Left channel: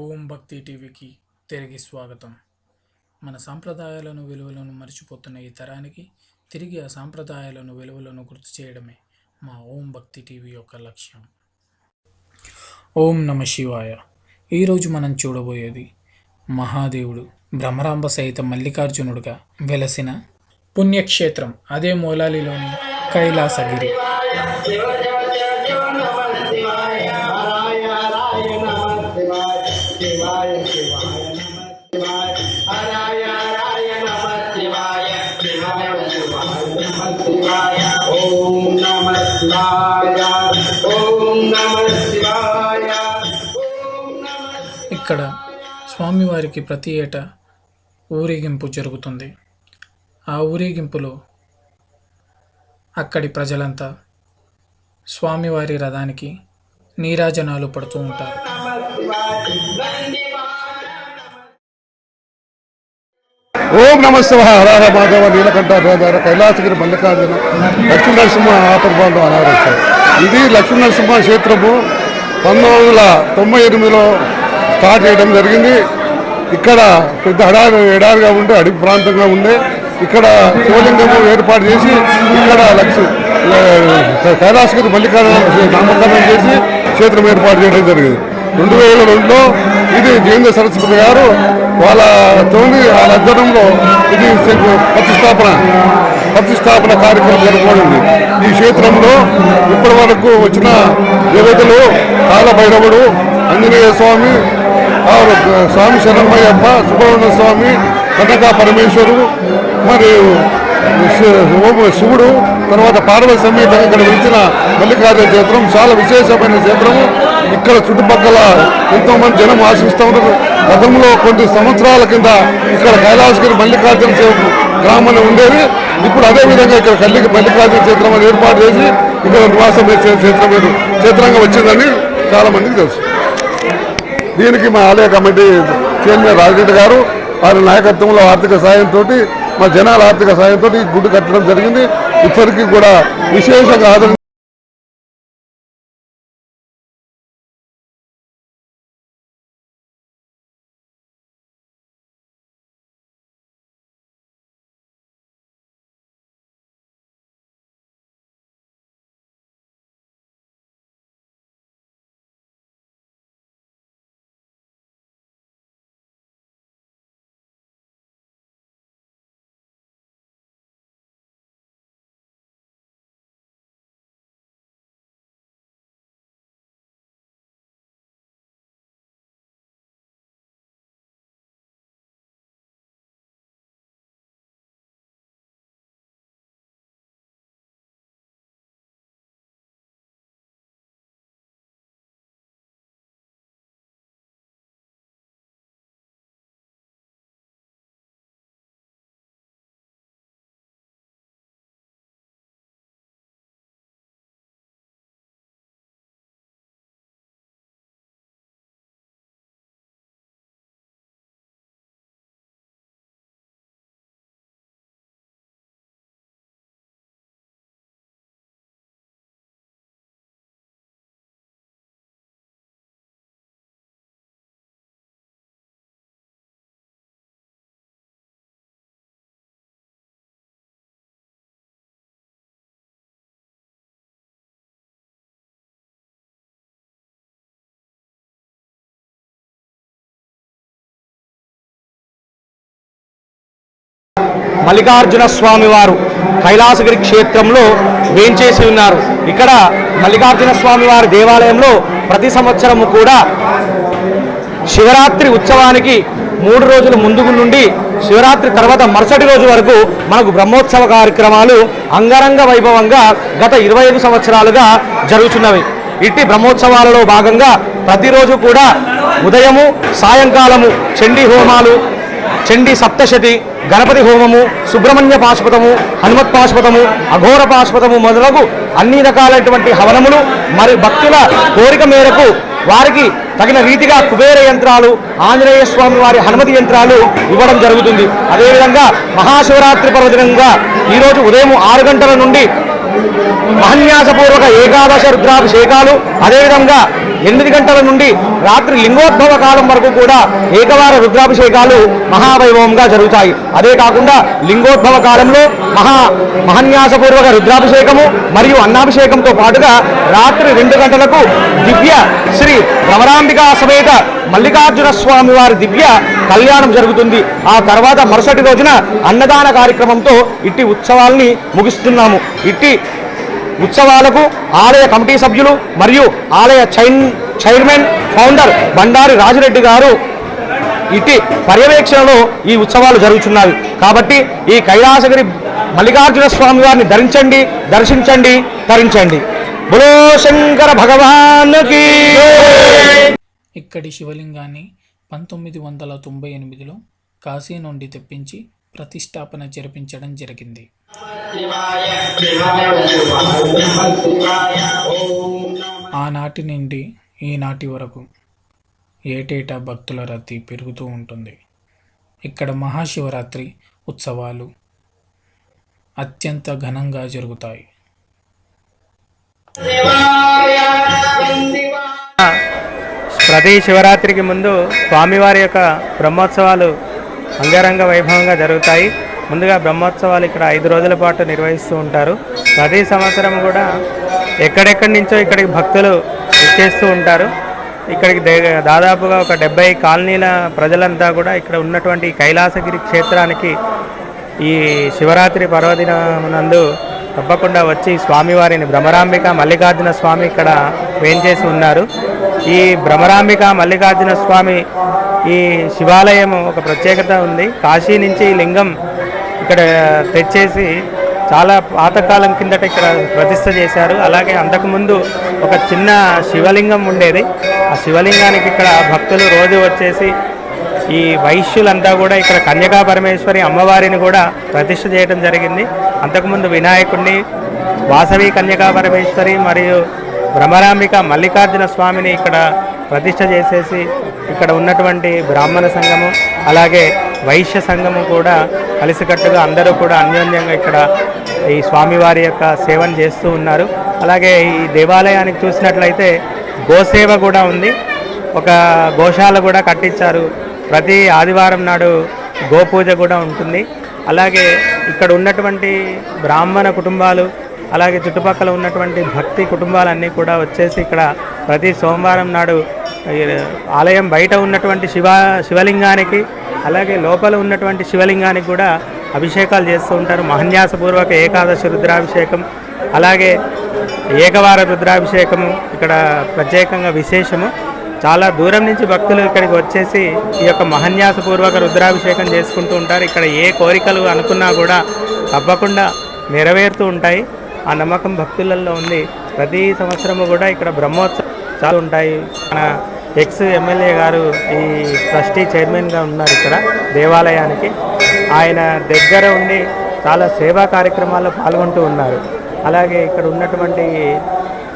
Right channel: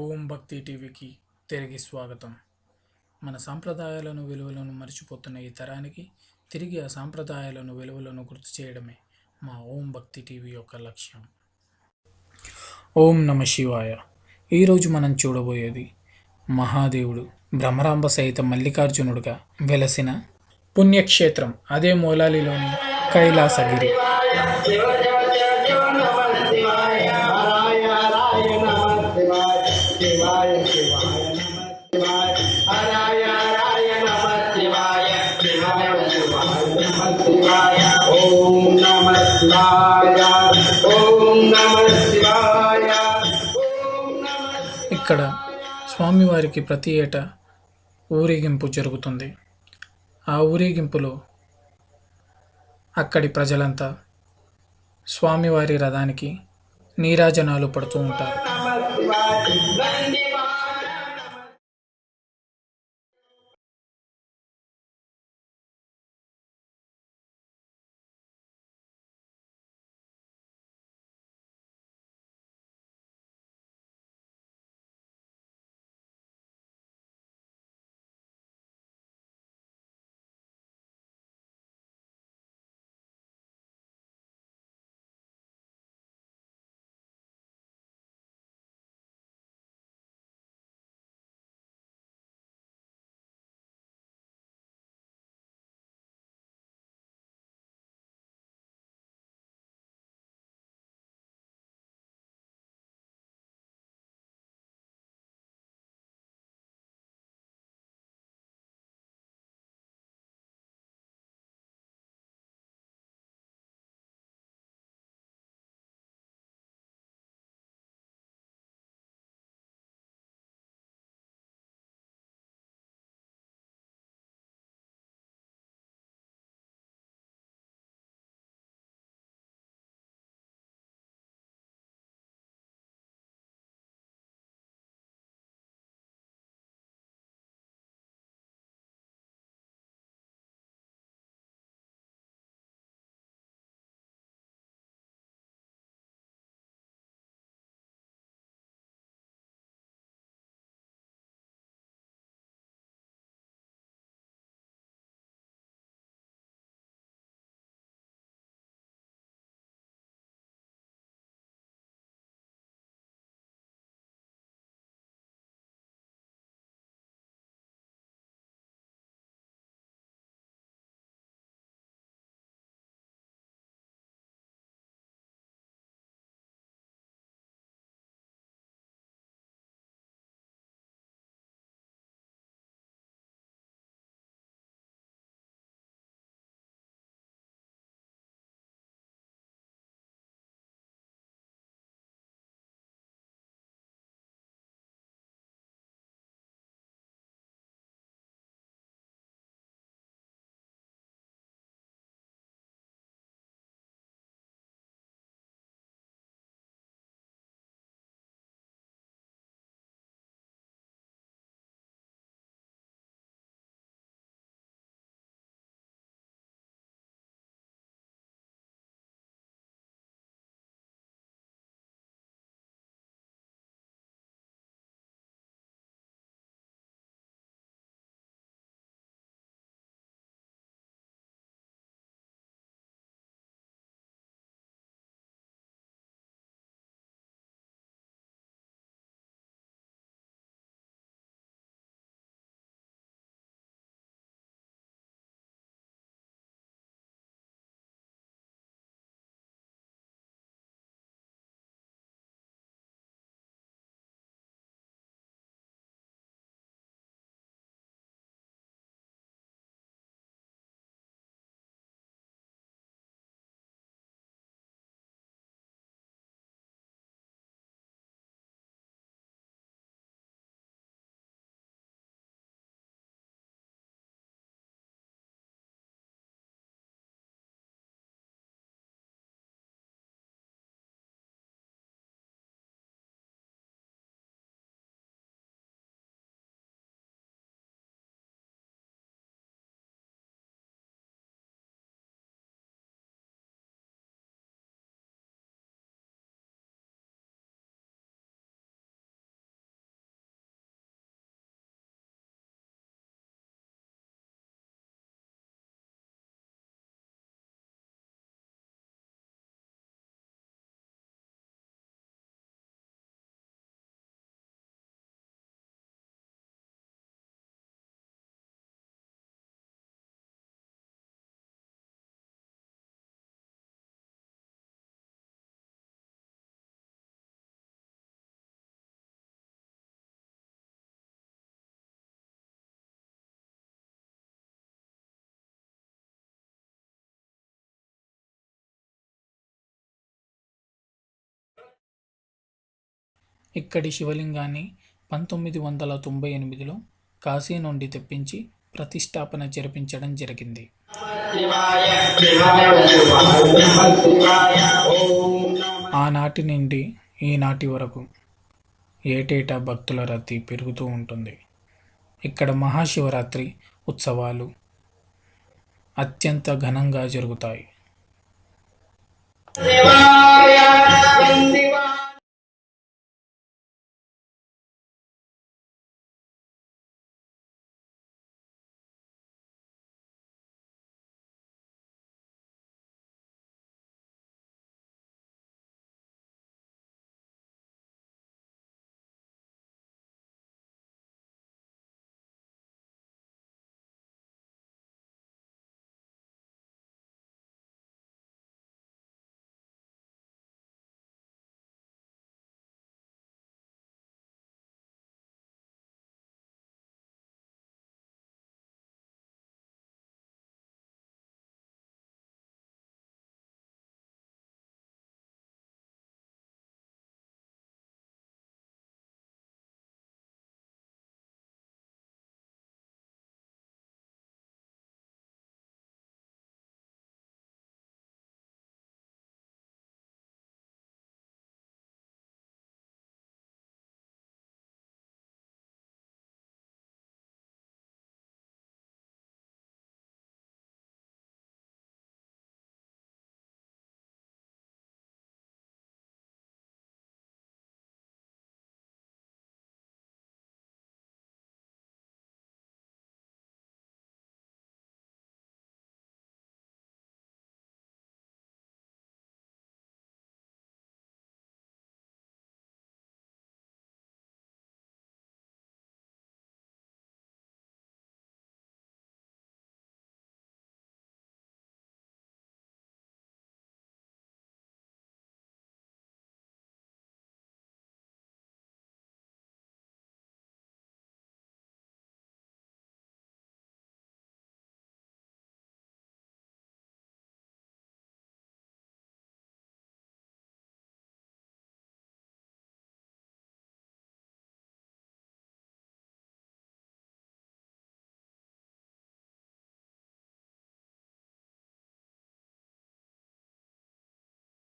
ఓం భక్తి టీవీకి తిరిగి స్వాగతం. మన సాంప్రదాయాలను విలువలను మర్చిపోతున్న ఈ తరానికి తిరిగి ఆ సాంప్రదాయాలను విలువలను గుర్తు చేయడమే మా ఓం భక్తి టీవీ యొక్క లక్ష్యం. ఓం నమ శివాయ. ఈరోజు మనం చూడబోయేది మహాదేవుడు బ్రహ్మరాంబ సహిత మల్లికార్జునుడుగా వెలసిన పుణ్యక్షేత్రం, అదే మూలాలిలోని కైలాసగిరి. ఇక్కడ స్వామివారికి ప్రతి ఏటా ఊరేగింపు జరుగుతుంది. ఆ ఊరేగింపులో అక్కడి ప్రజలంతా స్వామివారి రథానికి నీరాజనాలు పడుతూ ఉంటారు. ఓం నమ శివాయ. హర మాధవ నీలకంఠాధార కైలాసగిరి మల్లికార్జున లక్ష్మీ నరసింహ ఆపర్బాండం అనారోగ్యం. ఇది లక్ష్మీ నరసింహ క్షేత్రము 1998లో స్టార్ట్ చేయడం జరిగింది. ఇక్కడ పెద్ద ఎడారిగా ఉండే అడవి ప్రాంతంగా ఉండే ఇక్కడ శివలింగము ఏర్పాటు చేసి ఇక్కడ కైలాసగిరి మల్లికార్జున నామకరణం చేసి క్షేత్రం ఏర్పాటు చేయడం జరిగింది. 2002లో ఇది జయేంద్ర సరస్వతి గారు వాళ్ళ అధ్వర్యంలో ఇది ప్రతిష్టాపన కార్యక్రమం జరగబడింది. ఈ క్షేత్రంలో ఇప్పటి వరకు వచ్చిన దేవతలు కాలభైరవుడు, ఆంజనేయ స్వామి, స్వామి శరణమయ్యప్ప, సుబ్రహ్మణ్య స్వామి, కనక పరమేశ్వరుడు, మరియు శివుడు, తర్వాత పార్వతి సమేతంగా ఇక్కడ వెలిచిన మల్లికార్జున క్షేత్రం చాలా విశేషమైన క్షేత్రము. ఇక్కడ చుట్టుపక్కల ఎంతోమంది జనం ఆశిస్తూ ఉంటారు. గతంలో కొన్ని సంవత్సరాల కింద ఇక్కడ కైలాసగిరి మల్లికార్జున గ్రామంలో ఉండేది. ఇప్పుడు అదేవిధంగా ఇక్కడ మల్లికార్జున క్షేత్రం అని ఏర్పాటు చేసి ఇక్కడ నివాసం చేసే క్షేత్రంగా వచ్చిందని చాలా మందికి తెలుసు. దీనికి మా ఆలయ కమిటీ చైర్మన్ రాజరెడ్డి గారు వారి నాయకత్వంలో ఆర్థిక సాయంతో, మా జనాల ఆర్థిక సాయంతో ఈ గుడి కట్టడం జరిగింది. ఇప్పటికీ కూడా విశేషంగా ఆదరణ. మల్లికార్జున స్వామి వారు కైలాసగిరి క్షేత్రంలో వేంచేసి ఉన్నారు. ఇక్కడ మల్లికార్జున స్వామి వారి దేవాలయంలో ప్రతి సంవత్సరము కూడా శివరాత్రి ఉత్సవానికి 3 రోజుల ముందు నుండి శివరాత్రి తర్వాత మరుసటి రోజు వరకు మనకు బ్రహ్మోత్సవ కార్యక్రమాలు అంగరంగ వైభవంగా గత 25 సంవత్సరాలుగా జరుగుతున్నవి. ఇట్టి బ్రహ్మోత్సవాలలో భాగంగా ప్రతిరోజు కూడా ఉదయము సాయంకాలము చండీ హోమాలు, చండీ సప్తశతి, గణపతి హోమము, సుబ్రహ్మణ్య పాశుపతము, హనుమత్ పాశుపతము, అఘోర పాశుపతము మొదలగు అన్ని రకాలైనటువంటి హవనములు, మరి భక్తుల కోరిక మేరకు వారికి తగిన రీతిగా కుబేర యంత్రాలు, ఆంజనేయ స్వామి వారి హనుమతి యంత్రాలు ఇవ్వడం జరుగుతుంది. అదేవిధంగా మహాశివరాత్రి పర్వదినంగా ఈరోజు ఉదయం 6 గంటల నుండి మహన్యాసపూర్వక ఏకాదశ రుద్రాభిషేకాలు, అదేవిధంగా 8 గంటల నుండి రాత్రి లింగోద్భవ కాలం వరకు కూడా ఏకవార రుద్రాభిషేకాలు మహావైభవంగా జరుగుతాయి. అదే కాకుండా లింగోద్భవ కాలంలో మహాన్యాసపూర్వక రుద్రాభిషేకము మరియు అన్నాభిషేకంతో పాటుగా రాత్రి 2 గంటలకు దివ్య శ్రీ భ్రమరాంబికా సమేత మల్లికార్జున స్వామి వారి దివ్య కళ్యాణం జరుగుతుంది. ఆ తర్వాత మరుసటి రోజున అన్నదాన కార్యక్రమంతో ఇట్టి ఉత్సవాల్ని ముగిస్తున్నాము. ఇట్టి ఉత్సవాలకు ఆలయ కమిటీ సభ్యులు మరియు ఆలయ చైర్మన్ ఫౌండర్ బండారి రాజిరెడ్డి గారు ఇట్టి పర్యవేక్షణలో ఈ ఉత్సవాలు జరుగుతున్నాయి. కాబట్టి ఈ కైలాసగిరి మల్లికార్జున స్వామి వారిని ధరించండి, దర్శించండి, తరించండి. బులో శంకర భగవాన్కి. ఇక్కడి శివలింగాన్ని 1998లో కాశీ నుండి తెప్పించి ప్రతిష్టాపన జరిపించడం జరిగింది. ఆనాటి నుండి ఈనాటి వరకు ఏటేటా భక్తుల రద్దీ పెరుగుతూ ఉంటుంది. ఇక్కడ మహాశివరాత్రి ఉత్సవాలు అత్యంత ఘనంగా జరుగుతాయి. ప్రతి శివరాత్రికి ముందు స్వామివారి యొక్క బ్రహ్మోత్సవాలు అంగరంగ వైభవంగా జరుగుతాయి. ముందుగా బ్రహ్మోత్సవాలు ఇక్కడ 5 రోజుల పాటు నిర్వహిస్తూ ఉంటారు. ప్రతి సంవత్సరం కూడా ఎక్కడెక్కడి నుంచో ఇక్కడికి భక్తులు ఇచ్చేస్తూ ఉంటారు. ఇక్కడికి దాదాపుగా ఒక 70 కాలనీల ప్రజలంతా కూడా ఇక్కడ ఉన్నటువంటి కైలాసగిరి క్షేత్రానికి ఈ శివరాత్రి పర్వదినమునందు తప్పకుండా వచ్చి స్వామివారిని భ్రమరాంబిక మల్లికార్జున స్వామి ఇక్కడ వేంచేసి ఉన్నారు. ఈ భ్రమరాంబిక మల్లికార్జున స్వామి ఈ శివాలయం ఒక ప్రత్యేకత ఉంది. కాశీ నుంచి లింగం ఇక్కడ తెచ్చేసి చాలా పాతకాలం కిందట ఇక్కడ ప్రతిష్ఠ చేశారు. అలాగే అంతకుముందు ఒక చిన్న శివలింగం ఉండేది. ఆ శివలింగానికి ఇక్కడ భక్తులు రోజు వచ్చేసి ఈ వైశ్యులంతా కూడా ఇక్కడ కన్యకా పరమేశ్వరి అమ్మవారిని కూడా ప్రతిష్ఠ చేయడం జరిగింది. అంతకుముందు వినాయకుడిని, వాసవి కన్యకా పరమేశ్వరి మరియు భ్రమరాంబిక మల్లికార్జున స్వామిని ఇక్కడ ప్రతిష్ఠ చేసేసి ఇక్కడ ఉన్నటువంటి బ్రాహ్మణ సంఘము అలాగే వైశ్య సంఘము కూడా కలిసికట్టుగా అందరూ కూడా అన్యోన్యంగా ఇక్కడ ఈ స్వామివారి యొక్క సేవను చేస్తూ ఉన్నారు. అలాగే ఈ దేవాలయానికి చూసినట్లయితే గోసేవ కూడా ఉంది. ఒక గోశాల కూడా కట్టించారు. ప్రతి ఆదివారం నాడు గోపూజ కూడా ఉంటుంది. అలాగే ఇక్కడ ఉన్నటువంటి బ్రాహ్మణ కుటుంబాలు అలాగే చుట్టుపక్కల ఉన్నటువంటి భక్తి కుటుంబాలన్నీ కూడా వచ్చేసి ఇక్కడ ప్రతి సోమవారం నాడు ఆలయం బయట ఉన్నటువంటి శివలింగానికి అలాగే లోపల ఉన్నటువంటి శివలింగానికి కూడా అభిషేకాలు చేస్తూ ఉంటారు. మహాన్యాసపూర్వక ఏకాదశి రుద్రాభిషేకం అలాగే ఏకవార రుద్రాభిషేకము ఇక్కడ ప్రత్యేకంగా విశేషము. చాలా దూరం నుంచి భక్తులు ఇక్కడికి వచ్చేసి ఈ యొక్క మహాన్యాసపూర్వక రుద్రాభిషేకం చేసుకుంటూ ఉంటారు. ఇక్కడ ఏ కోరికలు అనుకున్నా కూడా తప్పకుండా నెరవేరుతూ ఉంటాయి. ఆ నమ్మకం భక్తులలో ఉంది. ప్రతి సంవత్సరము కూడా ఇక్కడ బ్రహ్మోత్సవాలు ఉంటాయి. మన ఎమ్మెల్యే గారు ఈ ట్రస్టీ చైర్మన్గా ఉన్నారు ఇక్కడ దేవాలయానికి. ఆయన దగ్గర ఉండి చాలా సేవా కార్యక్రమాల్లో పాల్గొంటూ ఉన్నారు. అలాగే ఇక్కడ ఉన్నటువంటి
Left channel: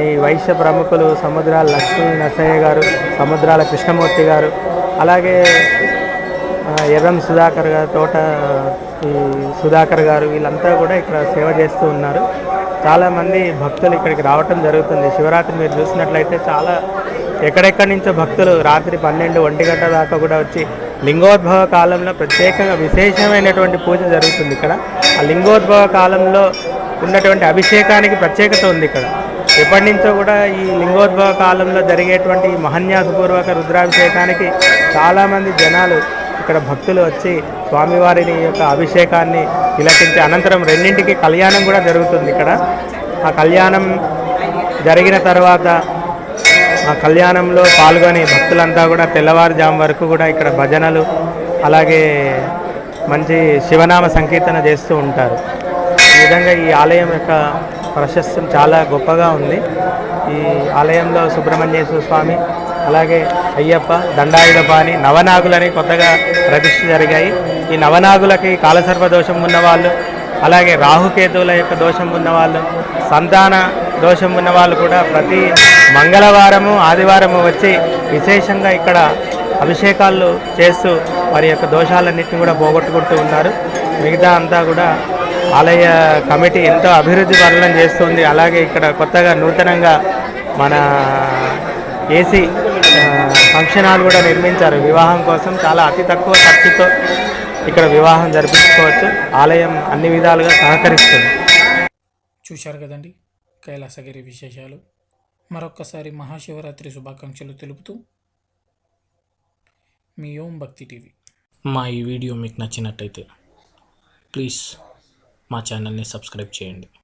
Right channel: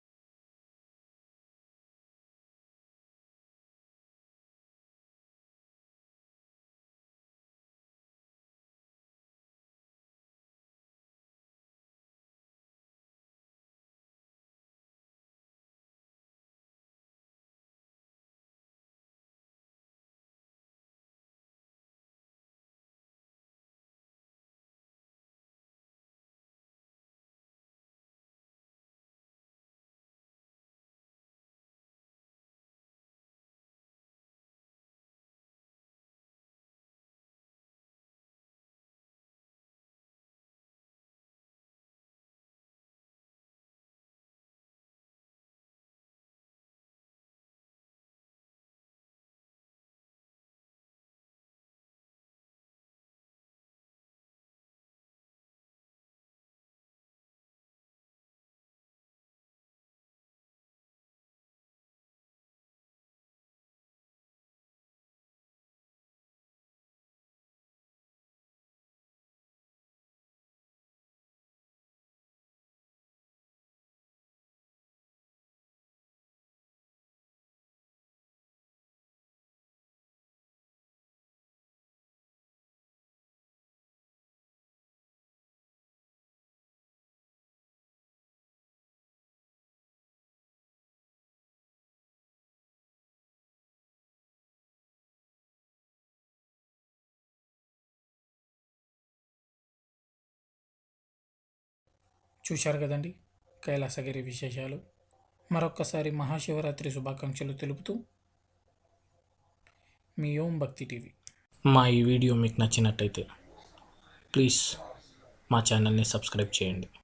ఈ వైశ్య ప్రముఖులు సముద్రాల లక్ష్మీ నరసయ్య గారు, సముద్రాల కృష్ణమూర్తి గారు, అలాగే ఎర్రం సుధాకర్ గారు, తోట ఈ సుధాకర్ గారు వీళ్ళంతా కూడా ఇక్కడ సేవ చేస్తూ ఉన్నారు. చాలామంది భక్తులు ఇక్కడికి రావటం జరుగుతుంది. శివరాత్రి మీరు చూసినట్లయితే చాలా ఎక్కడెక్కడి నుంచో భక్తులు రాత్రి 12-1 గంటల దాకా కూడా వచ్చి లింగోద్భవ కాలంలో ప్రత్యేకంగా విశేషమైనటువంటి పూజ జరుగుతుంది ఇక్కడ. ఆ లింగోద్భవ కాలంలో ఉన్నటువంటి అభిషేకానికి ప్రత్యేకత ఉంది ఇక్కడ. ఎప్పటి నుంచో కూడా ఈ లింగోద్భవ కాలంలో జరిగేటువంటి మహాన్యాసపూర్వక రుద్రాభిషేకానికి చాలామంది జనాలు ఇక్కడ భక్తులు వచ్చి స్వామివారిని యొక్క అభిషేకాన్ని తిలకించి అనంతరం 2ంటికి కళ్యాణం కూడా జరుగుతుంది ఇక్కడ. ఆ కళ్యాణం జరిగిన తర్వాత ఆ కళ్యాణంలో పాల్గొని భక్తులంతా కూడా తెల్లవారుజాము వరకు కూడా ఇక్కడ భజనలు అలాగే మంచి శివనామ సంకీర్తన చేస్తూ ఉంటారు. ఈ విధంగా ఈ ఆలయం యొక్క ప్రశస్తం చాలా గొప్పగా ఉంది. ఈ ఆలయంలో సుబ్రహ్మణ్యేశ్వర స్వామి అలాగే అయ్యప్ప, దండాయుధపాణి, నవనాగులని కొత్తగా ప్రతిష్ఠ జరిగాయి. ఈ నవనాగులకి కాలసర్ప దోషం ఉన్నవాళ్ళు అలాగే రాహుకేతువుల యొక్క దోషం ఉన్నవాళ్ళు, సంతాన దోషం ఉన్నవాళ్ళు కూడా ప్రతి మంగళవారము ఆదివారము వచ్చి విశేషంగా ఇక్కడ అభిషేకాలు చేస్తూ వారి యొక్క దోషాలన్నింటినీ కూడా పోగొట్టుకుంటూ ఉన్నారు. మిగతా అంతా కూడా ఆలయ కమిటీ ఎంతో అభివృద్ధి పనులను చేస్తుంది. అలాగే ఇక్కడ కొత్తగా నూతనంగా మన ఏసీ ఫంక్షన్ హాల్ కూడా నిర్మించారు. వివాహం కోసం చాలా అతి తక్కువ ఖర్చుతో ఇక్కడ వివాహం జరిపించుకోవచ్చు. ఆలయం అన్ని విధాలుగా సహకరిస్తుంది. చూశారు కదండి కైలాసగిరి విశేషాలు. మరొక్కసారి మహాశివరాత్రి శుభాకాంక్షలు తెలుపుతూ మీ ఓం భక్తి టీవీ. మా ఈ వీడియో మీకు నచ్చినట్టయితే ప్లీజ్ మా ఛానల్ని సబ్స్క్రైబ్ చేయండి.